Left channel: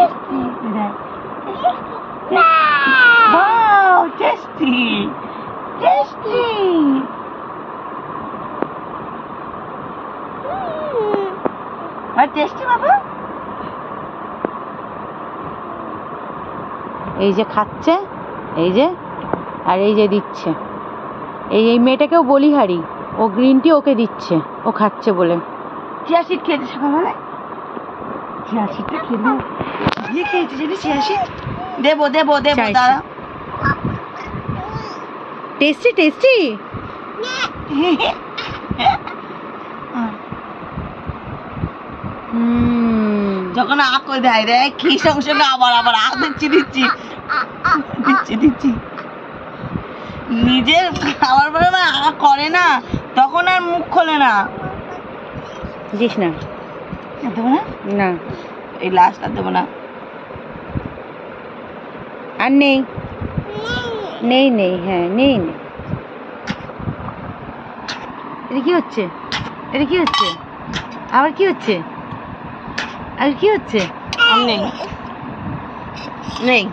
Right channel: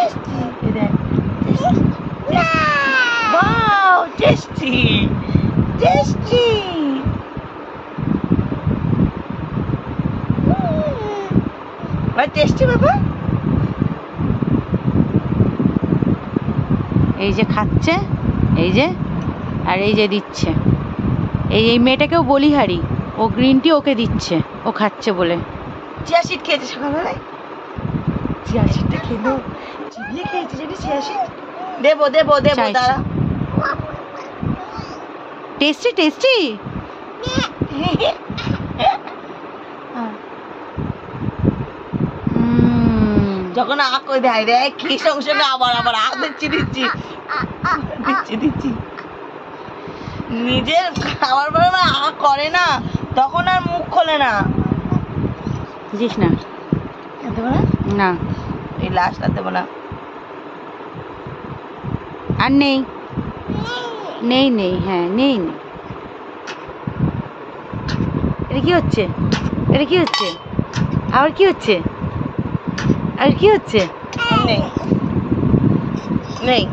Tasty wow tasty tasty আর tasty বাবা। এই যে খাচ্ছে, এই যে, আর এই যে দিচ্ছে, এই মেয়েটাকেও বলিহারি, ও গ্রিন টি ওকে দিচ্ছে, ও খাচ্ছে বলে। চিয়া সিড খেয়েছে সকালবেলায়, চিয়া সিডটা খেলো, কি খেয়েছে জানি চিয়া সিড। দেবো দেবো দেবো দাঁড়া। টেস্টি টেস্টি যখন আঁক করে দেয় রে কি সঙ্গে সঙ্গে আবার আবার আঁক দিচ্ছি দিচ্ছি দিচ্ছি দিচ্ছি। নিজের খাবার পরে আঁক করে না তখন আর মুখ খোলে না। দিস না, দেবো না, না এই লাস্ট আর দেবো না। আর নেই নেই নেই, হ্যাঁ নেই নেই। এটা কি হচ্ছে, এটা কি হচ্ছে, আবার কি হচ্ছে, আর কি হচ্ছে? নেই নেই।